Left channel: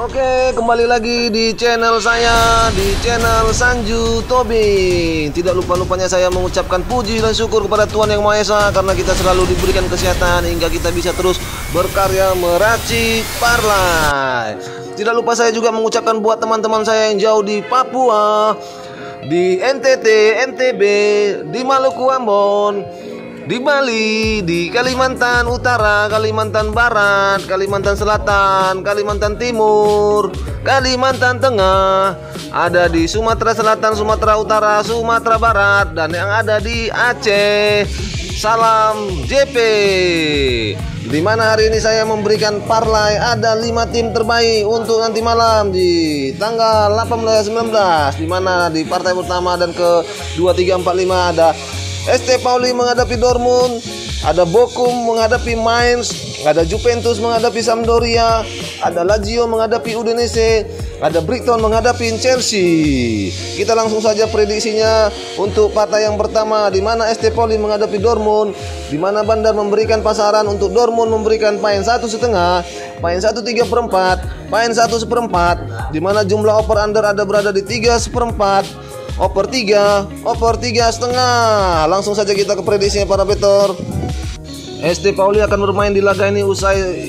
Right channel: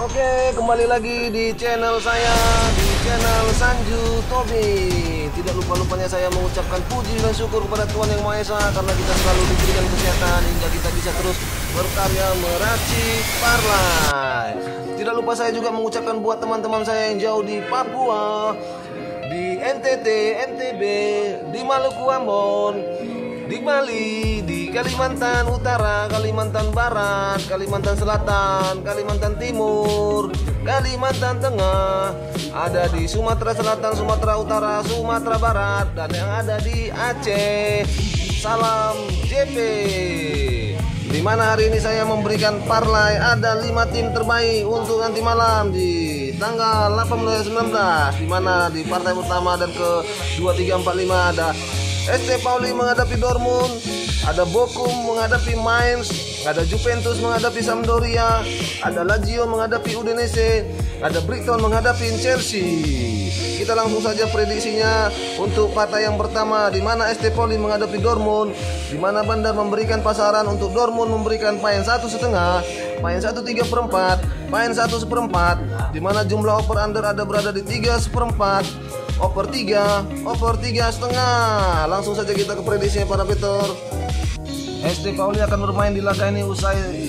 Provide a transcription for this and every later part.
Oke, kembali lagi di channel saya, di channel Sanju Tobing. Tidak lupa-lupanya saya mengucapkan puji dan syukur kepada Tuhan Yang Maha Esa, karena kita selalu diberikan kesehatan hingga kita bisa terus berkarya meracik parlay. Tidak lupa saya juga mengucapkan buat teman-teman saya yang jauh di Papua, di NTT, NTB, di Maluku Ambon, di Bali, di Kalimantan Utara, Kalimantan Barat, Kalimantan Selatan, Kalimantan Timur, Kalimantan Tengah, ada di Sumatera Selatan, Sumatera Utara, Sumatera Barat, dan yang ada di Aceh. Salam JP. Di mana hari ini saya memberikan parlay ada 5 tim terbaik untuk nanti malam di tanggal 18-19, di mana di partai pertama dan ke 2, 3, 4, 5 ada SC Pauli menghadapi Dortmund, ada Bochum menghadapi Mainz, ada Juventus menghadapi Sampdoria, ada Lazio menghadapi Udinese, ada Brighton menghadapi Chelsea. Kita langsung saja prediksinya untuk partai yang pertama, di mana SC Pauli menghadapi Dortmund, di mana Bandar memberikan pasaran untuk Dortmund memberikan poin 1,5, poin 1/3/4, poin 1/4, di mana jumlah over under ada berada di 3/4. Over 3,5. Langsung saja kita ke prediksinya para betor. SC Pauli akan bermain di laga ini usai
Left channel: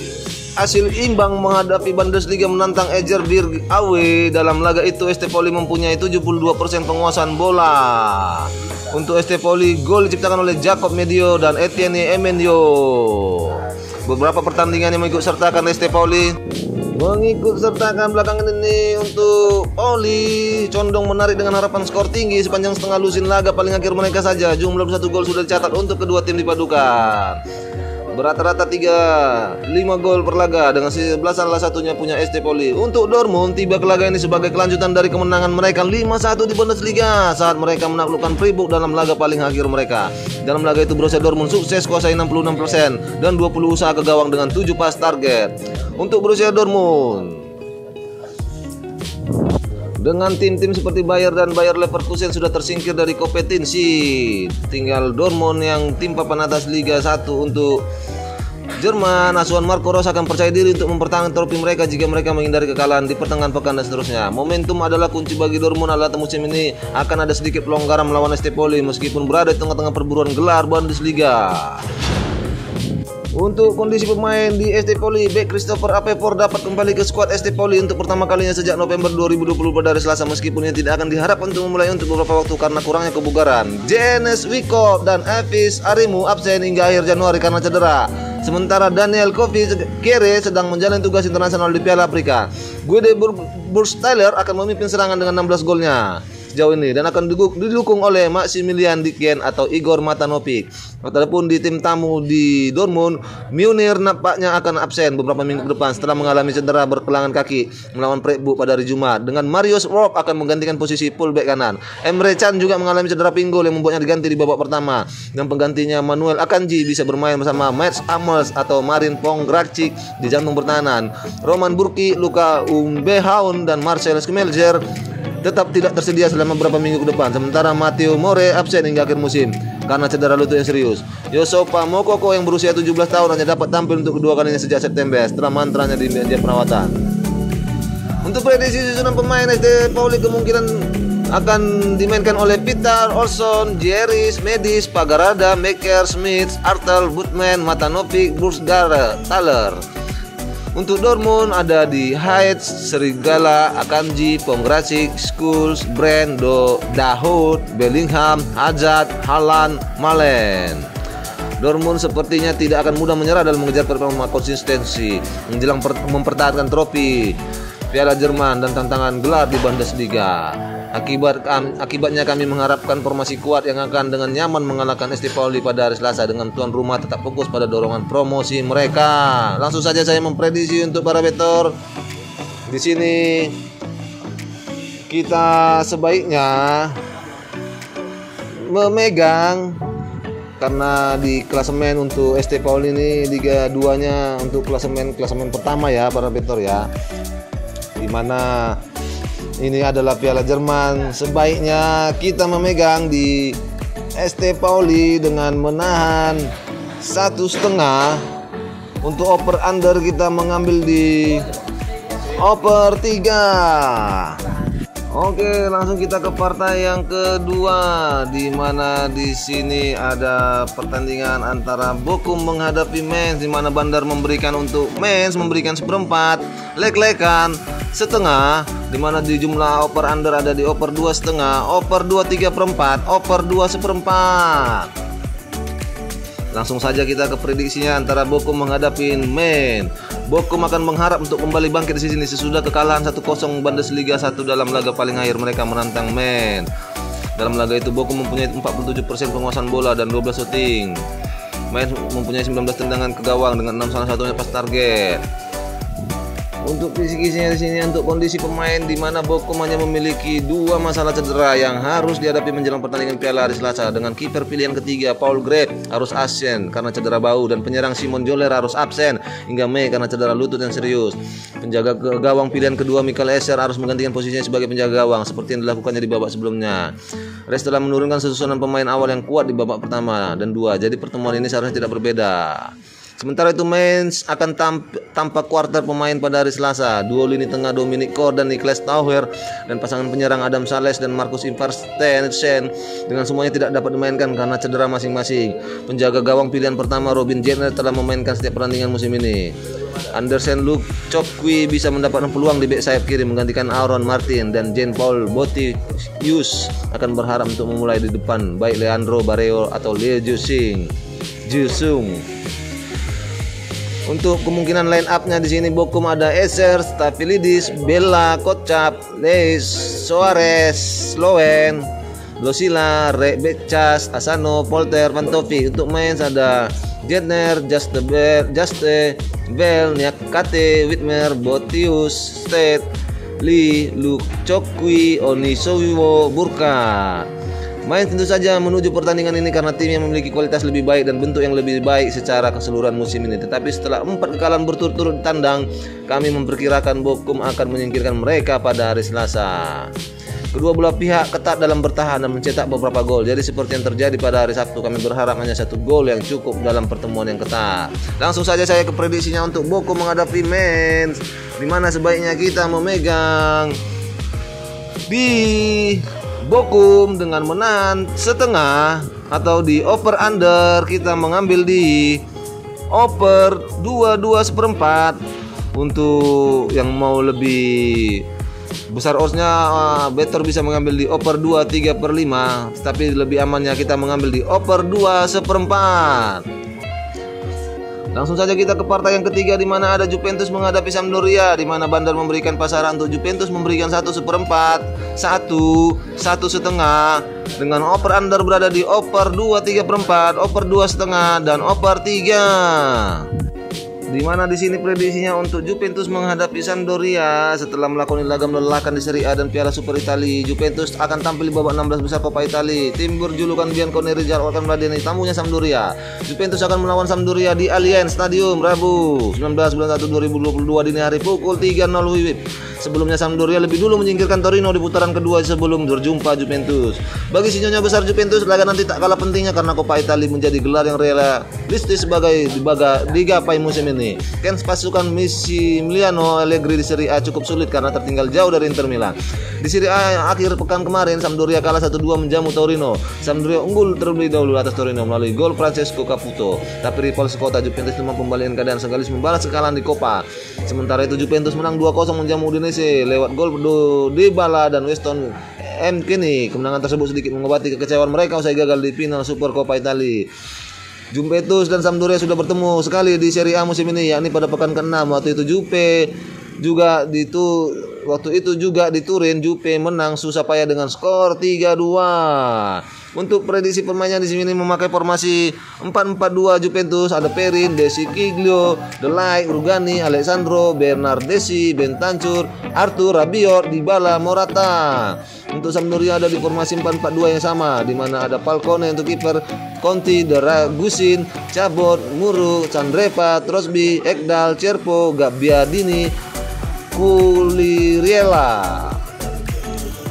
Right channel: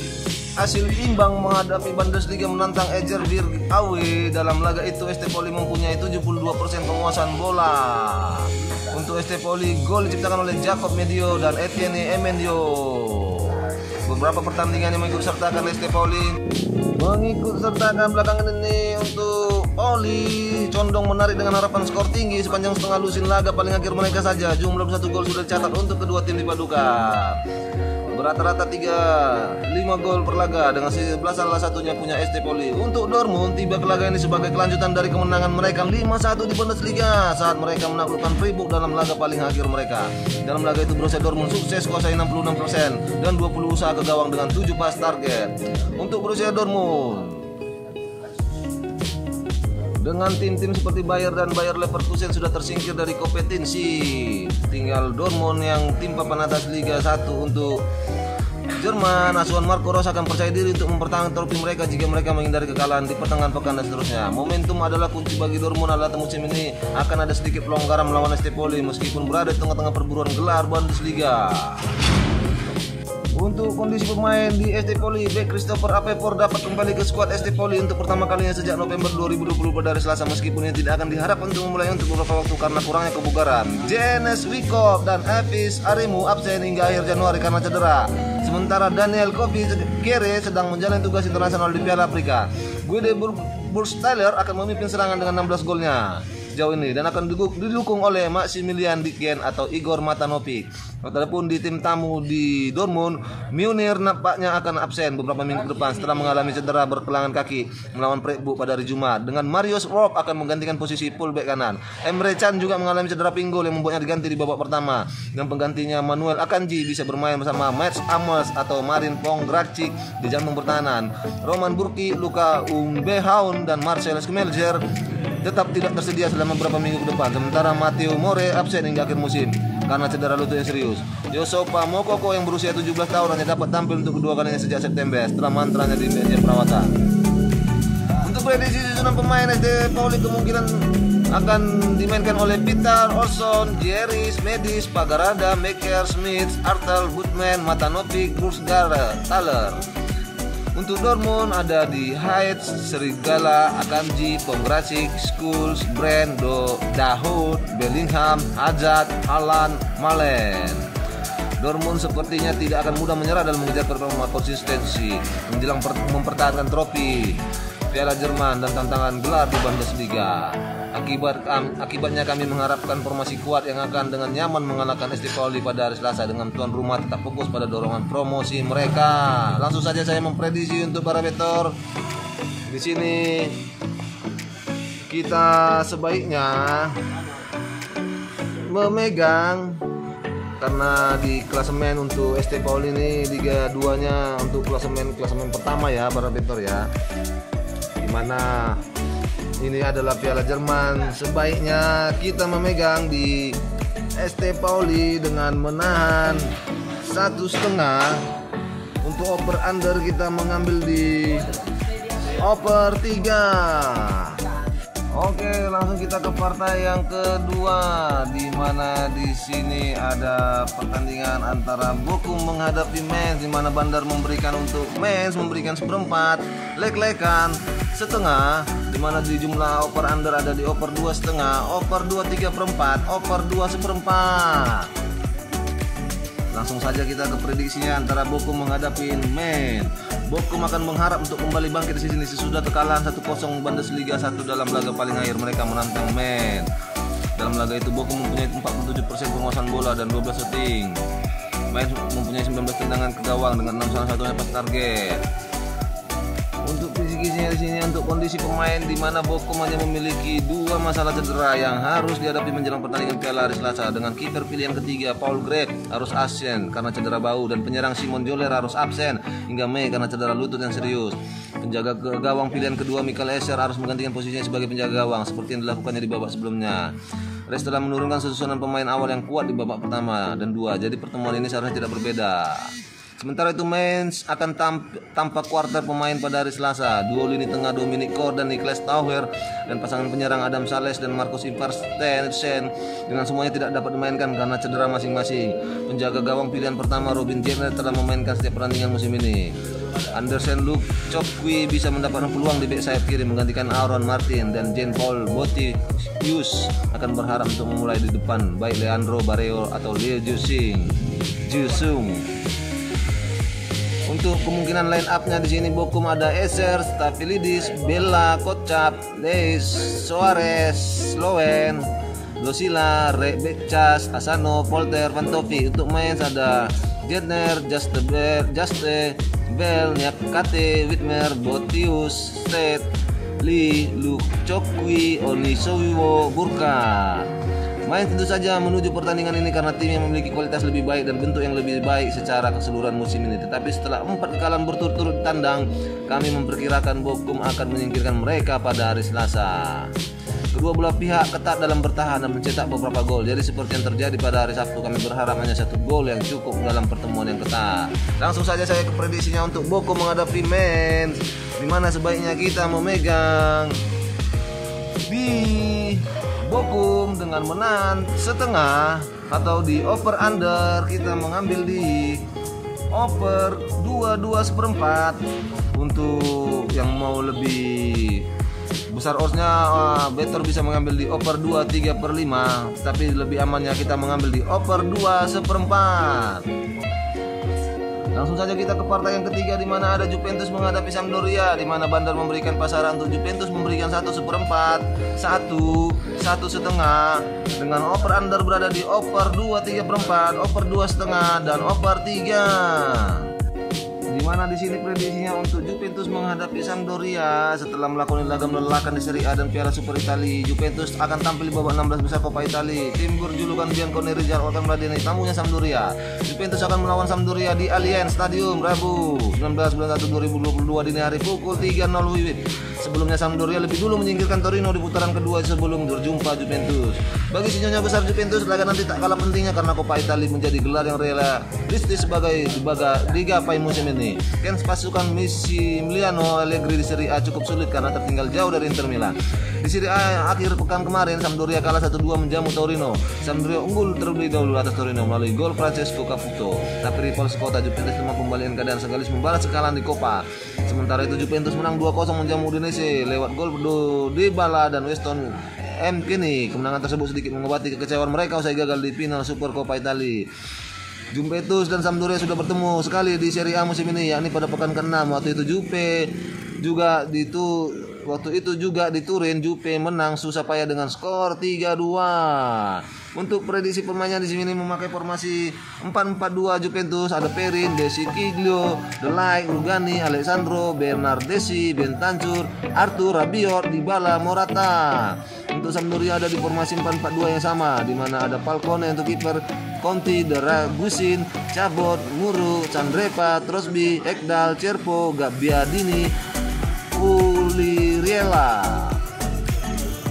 hasil imbang menghadapi Bundesliga menantang Egerberg away. Dalam laga itu SC Pauli mempunyai 72% penguasaan bola. Untuk SC Pauli, gol diciptakan oleh Jacob Medio dan Etienne Emendio. Beberapa pertandingan yang mengikut sertakan SC Pauli belakangan ini untuk Pauli condong menarik dengan harapan skor tinggi sepanjang setengah lusin laga paling akhir mereka saja. Jumlah 1 gol sudah dicatat untuk kedua tim dipadukan. Berata-rata 5 gol per laga, dengan 11 salah satunya punya SC Pauli. Untuk Dortmund tiba ke laga ini sebagai kelanjutan dari kemenangan mereka 5-1 di Bundesliga saat mereka menaklukkan Freiburg dalam laga paling akhir mereka. Dalam laga itu Borussia Dortmund sukses kuasai 66% dan 20 usaha ke gawang dengan 7 pas target. Untuk Borussia Dortmund, dengan tim-tim seperti Bayer dan Bayer Leverkusen sudah tersingkir dari kompetensi, tinggal Dortmund yang tim papan atas Liga 1. Untuk Jerman, asuhan Marco Rose akan percaya diri untuk mempertahankan trofi mereka jika mereka menghindari kekalahan di pertengahan pekan dan seterusnya. Momentum adalah kunci bagi Dortmund. Adalah musim ini akan ada sedikit pelonggaran melawan SC Pauli meskipun berada di tengah-tengah perburuan gelar Bundesliga. Untuk kondisi pemain di SC Pauli, bek Christopher Apepor dapat kembali ke skuad SC Pauli untuk pertama kalinya sejak November 2020 pada hari Selasa, meskipun ini tidak akan diharapkan untuk memulai untuk beberapa waktu karena kurangnya kebugaran. Janes Wickoff dan Elvis Arimu absen hingga akhir Januari karena cedera. Sementara Daniel Kofi Kere sedang menjalani tugas internasional di Piala Afrika. Guede Burgstaller akan memimpin serangan dengan 16 golnya sejauh ini dan akan didukung oleh Maximilian Dicken atau Igor Matanovic. Walaupun di tim tamu di Dortmund, Munir nampaknya akan absen beberapa minggu ke depan setelah mengalami cedera berkelangan kaki melawan Freiburg pada hari Jumat. Dengan Marius Rob akan menggantikan posisi fullback kanan. Emre Can juga mengalami cedera pinggul yang membuatnya diganti di babak pertama. Dan penggantinya Manuel Akanji bisa bermain bersama Mats Hummels atau Marin Pongracic di jantung pertahanan. Roman Burki, Luka Umbehaun dan Marcel Schmelzer tetap tidak tersedia selama beberapa minggu ke depan. Sementara Matteo More absen hingga akhir musim karena cedera lutut yang serius. Yosopa Mokoko yang berusia 17 tahun hanya dapat tampil untuk kedua kalinya sejak September setelah mantranya di meja perawatan. Untuk prediksi susunan pemain SC Pauli kemungkinan akan dimainkan oleh Peter Olsson, Jerry Medis, Pagarada, Mekker, Smith, Artel, Butman, Matanovic, Burgstaller. Untuk Dortmund ada di Heitz, Serigala, Akanji, Pongracic, Schulz, Brand, Dahoud, Bellingham, Hazard, Haaland, Malen. Dortmund sepertinya tidak akan mudah menyerah dalam mengejar performa konsistensi menjelang mempertahankan trofi Piala Jerman dan tantangan gelar di Bundesliga. Akibatnya kami mengharapkan formasi kuat yang akan dengan nyaman mengalahkan SC Pauli pada hari Selasa, dengan tuan rumah tetap fokus pada dorongan promosi mereka. Langsung saja saya memprediksi untuk para betor. Di sini kita sebaiknya memegang, karena di klasemen untuk SC Pauli ini Liga 2-nya untuk klasemen pertama ya para betor ya. Dimana ini adalah Piala Jerman, sebaiknya kita memegang di SC Pauli dengan menahan 1,5. Untuk over under kita mengambil di oper 3. Oke, langsung kita ke partai yang kedua, di mana di sini ada pertandingan antara Bochum menghadapi Mainz, di mana Bandar memberikan untuk Mainz memberikan seperempat, Lek-Lekan setengah, di mana di jumlah oper under ada di oper 2,5, oper 2 3/4, oper 2 seperempat. Langsung saja kita ke prediksinya antara Bochum menghadapi Mainz. Bochum akan mengharap untuk kembali bangkit di sini sesudah kekalahan 1-0 Bundesliga 1 dalam laga paling akhir mereka menantang Mainz. Dalam laga itu Bochum mempunyai 47% penguasaan bola dan 12 shooting. Mainz mempunyai 19 tendangan ke gawang dengan 6 salah satunya pas target. Untuk fisikisnya di sini untuk kondisi pemain di mana Bochum hanya memiliki 2 masalah cedera yang harus dihadapi menjelang pertandingan Piala hari Selasa, dengan kiper pilihan ketiga Paul Greth harus absen karena cedera bahu dan penyerang Simon Joller harus absen hingga Mei karena cedera lutut yang serius. Penjaga gawang pilihan kedua Michael Esser harus menggantikan posisinya sebagai penjaga gawang seperti yang dilakukannya di babak sebelumnya. Res telah menurunkan susunan pemain awal yang kuat di babak pertama dan 2, jadi pertemuan ini seharusnya tidak berbeda. Sementara itu Mainz akan tampak kuarter pemain pada hari Selasa. Duo lini tengah Dominic Kor dan Niklas Tauher dan pasangan penyerang Adam Sales dan Markus Ivarstensen dengan semuanya tidak dapat dimainkan karena cedera masing-masing. Penjaga gawang pilihan pertama Robin Gentner telah memainkan setiap pertandingan musim ini. Andersen Luke Chokwi bisa mendapatkan peluang di bek sayap kiri menggantikan Aaron Martin, dan Jean-Paul Botius akan berharap untuk memulai di depan baik Leandro Barreiro atau Lee Jusung. Untuk kemungkinan line up-nya di sini Bochum ada Esser, Staphylides, Bella, Kocap, Leis, Soares, Lowen, Losila, Rebecas, Asano, Polter, Vantovic. Untuk Mainz ada Gentner, Juste, Bell, Nyakate, Whitmer, Botius, Sted, Lee, Luke Chokwi, Onisowiwo, Burka. Mainz tentu saja menuju pertandingan ini karena tim yang memiliki kualitas lebih baik dan bentuk yang lebih baik secara keseluruhan musim ini. Tetapi setelah 4 kekalahan berturut-turut tandang, kami memperkirakan Bochum akan menyingkirkan mereka pada hari Selasa. Kedua belah pihak ketat dalam bertahan dan mencetak beberapa gol. Jadi seperti yang terjadi pada hari Sabtu, kami berharap hanya 1 gol yang cukup dalam pertemuan yang ketat. Langsung saja saya ke prediksinya untuk Bochum menghadapi Mainz, di mana sebaiknya kita memegang di Bochum dengan menang setengah, atau di over under kita mengambil di over 2 seperempat. Untuk yang mau lebih besar oddsnya, better bisa mengambil di over 2 3/5, tapi lebih amannya kita mengambil di over 2 seperempat. Langsung saja kita ke partai yang ketiga, di mana ada Juventus menghadapi Sampdoria, di mana Bandar memberikan pasaran untuk Juventus memberikan 1 seperempat, 1 setengah, dengan over under berada di over 2 3/4, over 2 setengah, dan over 3. Di mana di sini prediksinya untuk Juventus menghadapi Sampdoria setelah melakukan laga melelahkan di Serie A dan Piala Super Italia. Juventus akan tampil di babak 16 besar Coppa Italia. Tim berjulukan Bianconeri akan meladeni tamunya Sampdoria. Juventus akan melawan Sampdoria di Allianz Stadium Rabu 19 bulan 1 2022 dini hari pukul 3.00 WIB. Sebelumnya Sampdoria lebih dulu menyingkirkan Torino di putaran kedua sebelum berjumpa Juventus. Bagi sinyonya besar Juventus, laga nanti tak kalah pentingnya karena Coppa Italia menjadi gelar yang realistis sebagai digapai musim ini. Pasukan Massimiliano Allegri di Serie A cukup sulit karena tertinggal jauh dari Inter Milan. Di Serie A akhir pekan kemarin Sampdoria kalah 1-2 menjamu Torino. Sampdoria unggul terlebih dahulu atas Torino melalui gol Francesco Caputo. Tapi rival sekota Juventus mampu kembalikan keadaan sekaligus membalas kekalahan di Coppa. Sementara itu Juventus menang 2-0 menjamu Udinese lewat gol Dybala dan Weston McKennie. Kemenangan tersebut sedikit mengobati kekecewaan mereka usai gagal di final Super Coppa Italia. Juventus dan Sampdoria sudah bertemu sekali di Serie A musim ini, yakni pada pekan ke-6. Waktu itu juga di Turin, Juve menang susah payah dengan skor 3-2. Untuk prediksi pemainnya di sini memakai formasi 4-4-2 Juventus, ada Perin, Desi Kiglio, Delay, Rugani, Alessandro, Bernardeschi, Bentancur, Arthur, Rabiot, Dybala, Morata. Untuk Sampdoria ada di formasi 4-4-2 yang sama, di mana ada Falcone untuk kiper, Conti, Dragusin, Cabot, Muru, Candreva, Trosby, Ekdal, Cerpo, Gabbiadini, Kuliriela.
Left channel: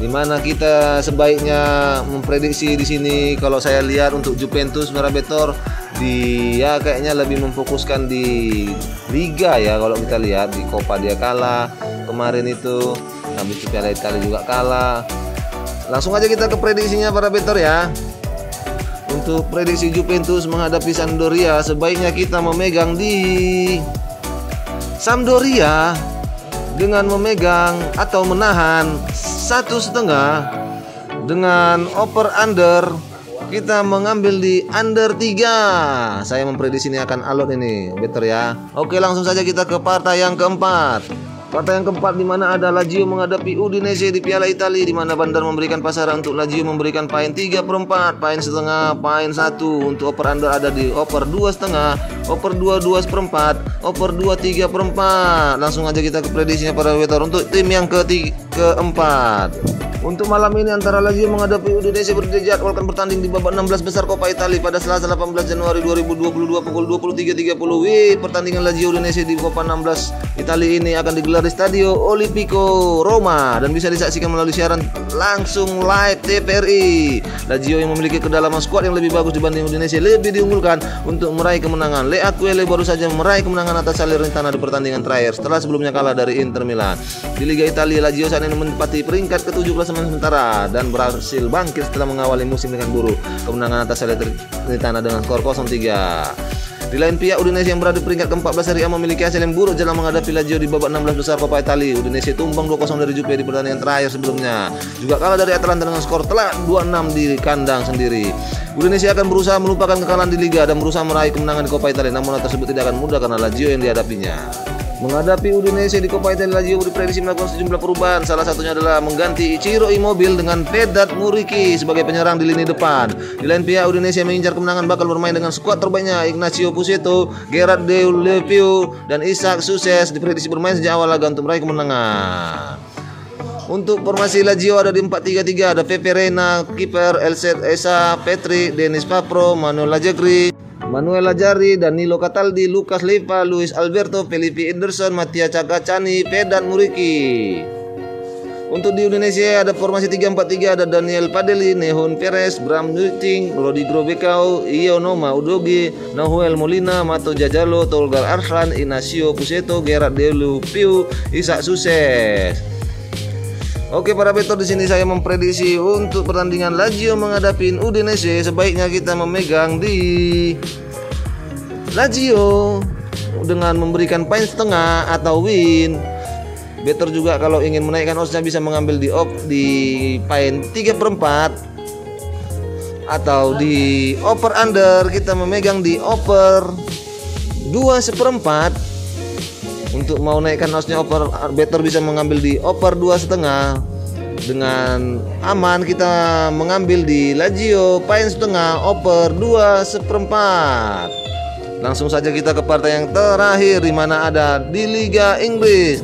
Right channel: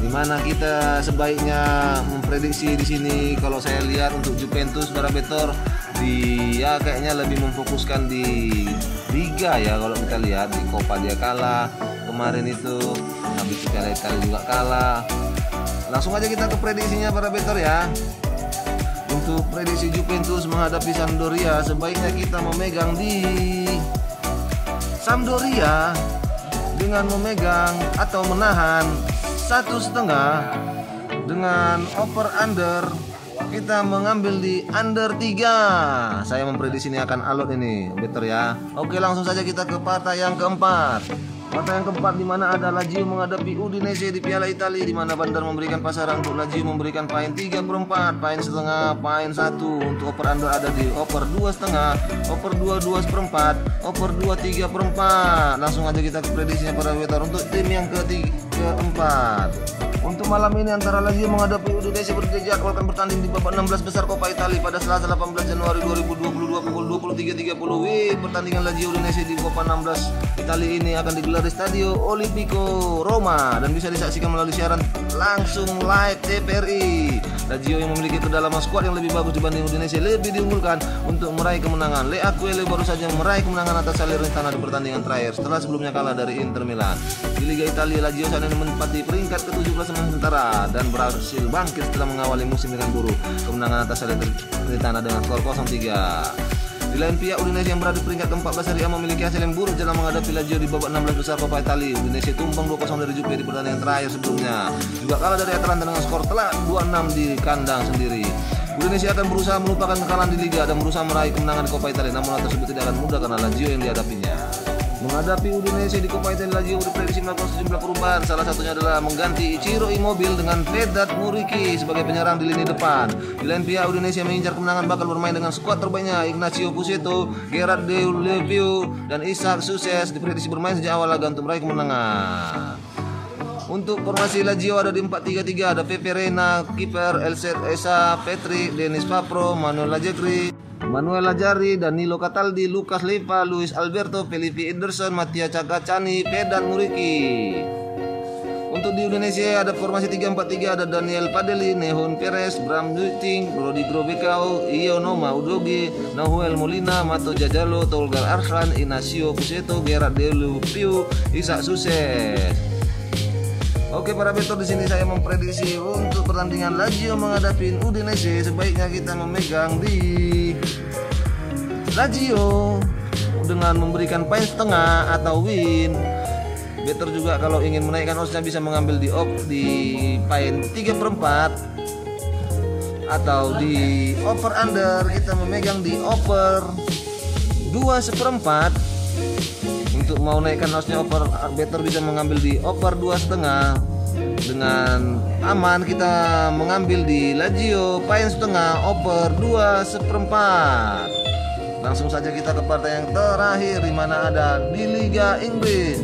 Di mana kita sebaiknya memprediksi di sini, kalau saya lihat untuk Juventus Marabetor dia kayaknya lebih memfokuskan di Liga ya. Kalau kita lihat di Coppa dia kalah, kemarin itu. Habis itu Piala Italia juga kalah. Langsung aja kita ke prediksinya para better ya. Untuk prediksi Juventus menghadapi Sampdoria, sebaiknya kita memegang di Sampdoria dengan memegang atau menahan 1,5 dengan over under kita mengambil di under 3. Saya memprediksi ini akan alot ini better ya. Oke, langsung saja kita ke partai yang keempat. Partai yang keempat di mana ada Lazio menghadapi Udinese di Piala Italia, di mana Bandar memberikan pasaran untuk Lazio memberikan poin 3/4, poin setengah, poin 1. Untuk over under ada di over 2,5, over 2/4, over 2/3/4. Langsung aja kita ke prediksinya para better untuk tim yang keempat. Untuk malam ini antara Lazio menghadapi Udinese dijadwalkan bertanding di babak 16 besar Coppa Italia pada Selasa 18 Januari 2022 pukul 23.30. Pertandingan Lazio Udinese di Coppa 16 Italia ini akan digelar di Stadio Olimpico Roma dan bisa disaksikan melalui siaran langsung live TVRI. Lazio yang memiliki kedalaman skuad yang lebih bagus dibanding Udinese lebih diunggulkan untuk meraih kemenangan. Le Aquile baru saja meraih kemenangan atas Salernitana di pertandingan terakhir setelah sebelumnya kalah dari Inter Milan. Di Liga Italia, Lazio saat ini menempati peringkat ke-17 sementara dan berhasil bangkit setelah mengawali musim dengan buruk. Kemenangan atas Salernitana dengan skor 0-3. Di lain pihak, Udinese yang berada di peringkat ke-14 Serie A memiliki hasil yang buruk dalam menghadapi Lazio di babak 16 besar Coppa Italia. Udinese tumbang 2-0 dari Juve di pertandingan terakhir sebelumnya. Juga kalah dari Atalanta dengan skor telak 2-6 di kandang sendiri. Udinese akan berusaha melupakan kekalahan di Liga dan berusaha meraih kemenangan di Coppa Italia, namun hal tersebut tidak akan mudah karena Lazio yang dihadapinya. Menghadapi Udinese di Coppa Italia, Lazio diprediksi melakukan sejumlah perubahan. Salah satunya adalah mengganti Ciro Immobile dengan Vedat Muriqi sebagai penyerang di lini depan. Di lain pihak, Udinese mengincar kemenangan bakal bermain dengan skuad terbaiknya Ignacio Pusetto, Gerard Deulofeu, dan Isaac Suses diprediksi bermain sejak awal laga untuk meraih kemenangan. Untuk formasi Lazio ada di 4-3-3, ada Pepe Reina, kiper, Elset Esa, Petri, Denis Papro, Manuel Lajari, Danilo Cataldi, Lucas Leiva, Luis Alberto, Felipe Ederson, Mattia Cagacani, Vedat Muriqi. Untuk di Indonesia ada formasi 3-4-3, ada Daniel Padeli, Nehon Perez, Bram Nuting, Rodrigo Becao, Ionoma Udogi, Nahuel Molina, Mato Jajalo, Tolga Arslan, Ignacio Pusetto, Gerard Deulofeu, Isaac Suses. Oke para betor, di sini saya memprediksi untuk pertandingan Lazio menghadapi Udinese, sebaiknya kita memegang di Lazio dengan memberikan poin setengah atau win. Better juga kalau ingin menaikkan oddsnya bisa mengambil di poin 3/4 atau di over under kita memegang di over 2/4. Untuk mau naikkan oddsnya over, better bisa mengambil di over 2,5. Dengan aman kita mengambil di Lazio poin setengah over 2/4. Langsung saja kita ke partai yang terakhir di mana ada di Liga Inggris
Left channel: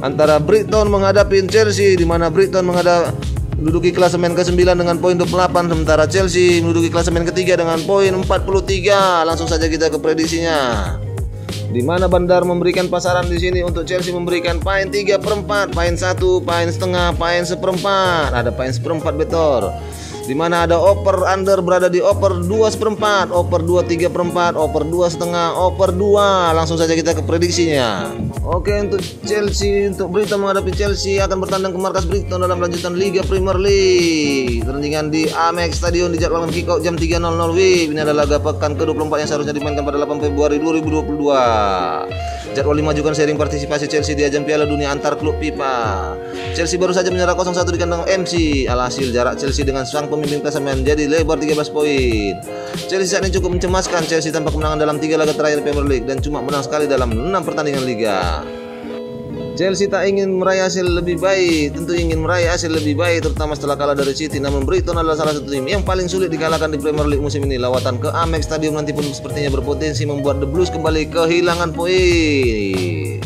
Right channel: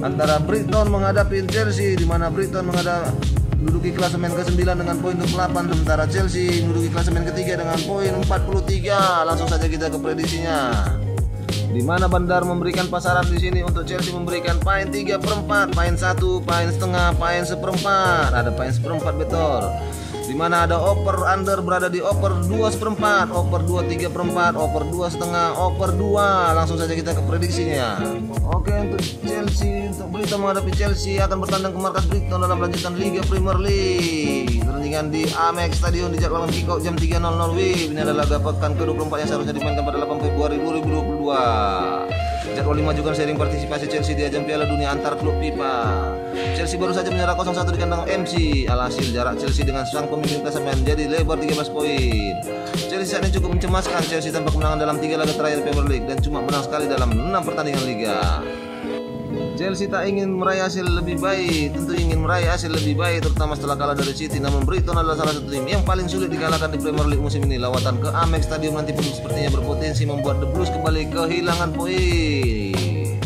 antara Brighton menghadapi Chelsea, di mana Brighton menduduki klasemen ke-9 dengan poin 28, sementara Chelsea menduduki klasemen ke-3 dengan poin 43. Langsung saja kita ke prediksinya. Di mana Bandar memberikan pasaran di sini untuk Chelsea memberikan poin 3/4, poin 1, poin setengah, poin 1/4. Ada poin 1/4 betor. Di mana ada over under berada di over 2/4, over 2/3/4, over 2,5, over 2. Langsung saja kita ke prediksinya. Oke, untuk Chelsea, untuk Brighton menghadapi Chelsea akan bertandang ke markas Brighton dalam lanjutan Liga Premier League. Pertandingan di Amex Stadion dijadwalkan kick off jam 3.00 WIB. Ini adalah laga pekan ke-24 yang seharusnya dimainkan pada 8 Februari 2022. Jadwal dimajukan seiring partisipasi Chelsea di ajang Piala Dunia antar klub FIFA. Chelsea baru saja menyerah 0-1 di kandang MC. Alhasil jarak Chelsea dengan sang pemimpin klasemen menjadi lebar 13 poin. Chelsea saat ini cukup mencemaskan. Chelsea tanpa kemenangan dalam 3 laga terakhir Premier League dan cuma menang sekali dalam 6 pertandingan Liga. Chelsea tak ingin meraih hasil lebih baik, tentu ingin meraih hasil lebih baik terutama setelah kalah dari City. Namun Brighton adalah salah satu tim yang paling sulit dikalahkan di Premier League musim ini. Lawatan ke Amex Stadium nanti pun sepertinya berpotensi membuat The Blues kembali kehilangan poin.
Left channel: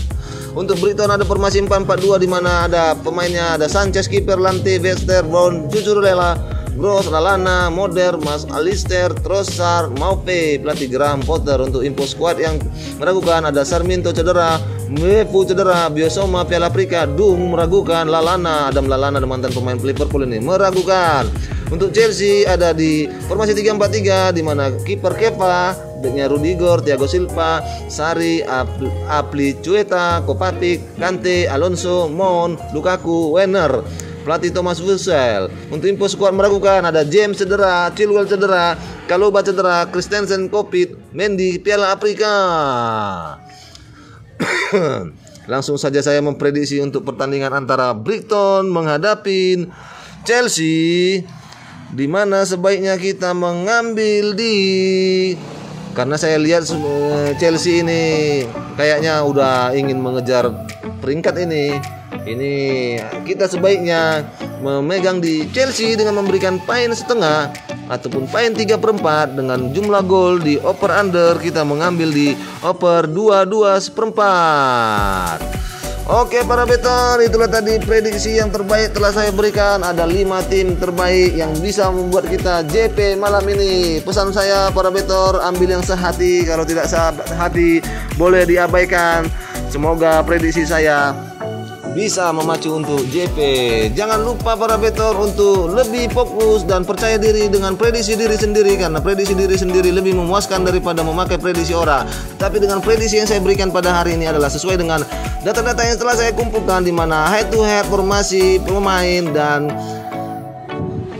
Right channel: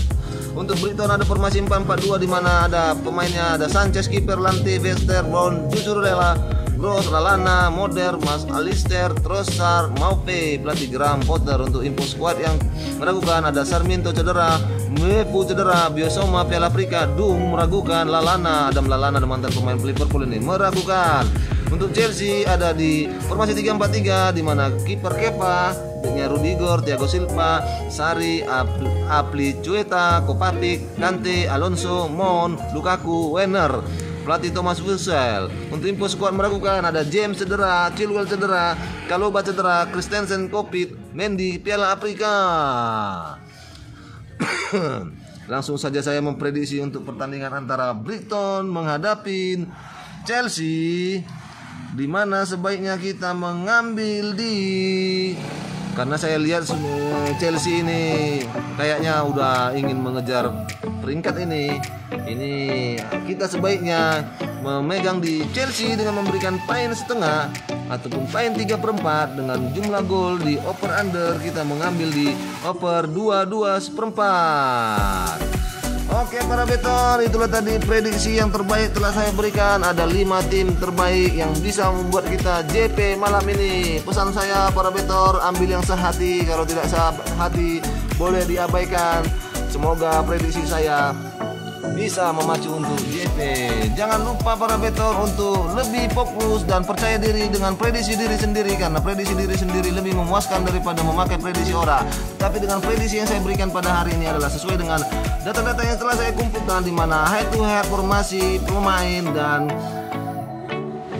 Untuk Brighton ada formasi 4-4-2 di mana ada pemainnya ada Sanchez, kiper, Lante, Webster, Brown, Cucurella, Gross, Lallana, Moder, Mas Alistair, Trossard, Maupe, pelatih Graham Potter. Untuk info squad yang meragukan ada Sarmiento cedera, Mwepu cedera, Biosoma Piala Afrika, Dung meragukan, Adam Lallana mantan pemain Liverpool ini meragukan. Untuk Chelsea ada di formasi 3-4-3 di mana kiper Kepa, backnya Rudiger, Thiago Silva, Sarri, Azpilicueta, Kovacic, Kante, Alonso, Mount, Lukaku, Werner. Pelatih Thomas Tuchel. Untuk info skuad meragukan ada James cedera, Chilwell cedera, Kaloba cedera, Christensen COVID, Mendy Piala Afrika. Langsung saja saya memprediksi untuk pertandingan antara Brighton menghadapi Chelsea, di mana sebaiknya kita mengambil karena saya lihat Chelsea ini kayaknya udah ingin mengejar peringkat ini kita sebaiknya memegang di Chelsea dengan memberikan poin setengah ataupun poin 3/4 dengan jumlah gol di over under kita mengambil di over 22 1/4. Oke para better, itulah tadi prediksi yang terbaik telah saya berikan. Ada 5 tim terbaik yang bisa membuat kita JP malam ini. Pesan saya para better, ambil yang sehati, kalau tidak sehati boleh diabaikan. Semoga prediksi saya bisa memacu untuk JP. Jangan lupa para better untuk lebih fokus dan percaya diri dengan prediksi diri sendiri, karena prediksi diri sendiri lebih memuaskan daripada memakai prediksi orang. Tapi dengan prediksi yang saya berikan pada hari ini adalah sesuai dengan data-data yang telah saya kumpulkan, di mana head to head formasi pemain dan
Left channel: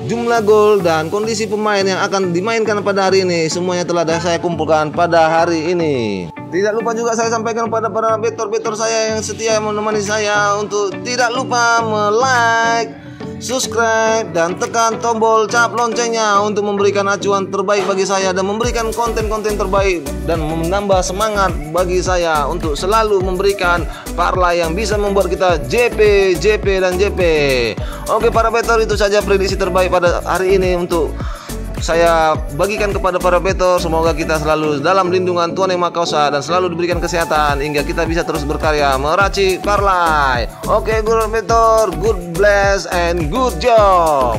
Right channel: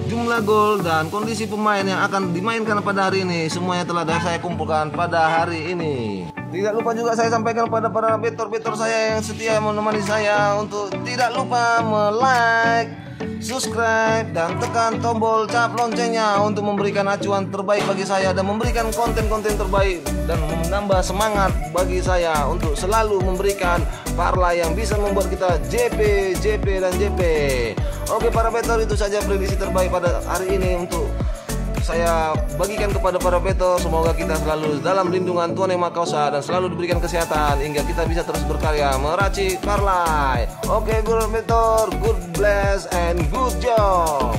jumlah gol dan kondisi pemain yang akan dimainkan pada hari ini semuanya telah saya kumpulkan pada hari ini. Tidak lupa juga saya sampaikan kepada para better saya yang setia menemani saya untuk tidak lupa like, subscribe, dan tekan tombol cap loncengnya untuk memberikan acuan terbaik bagi saya dan memberikan konten-konten terbaik dan menambah semangat bagi saya untuk selalu memberikan parlay yang bisa membuat kita JP dan JP. Oke para better, itu saja prediksi terbaik pada hari ini untuk saya bagikan kepada para better. Semoga kita selalu dalam lindungan Tuhan Yang Maha Kuasa dan selalu diberikan kesehatan hingga kita bisa terus berkarya meracik parlay. Oke, good better, good bless and good job.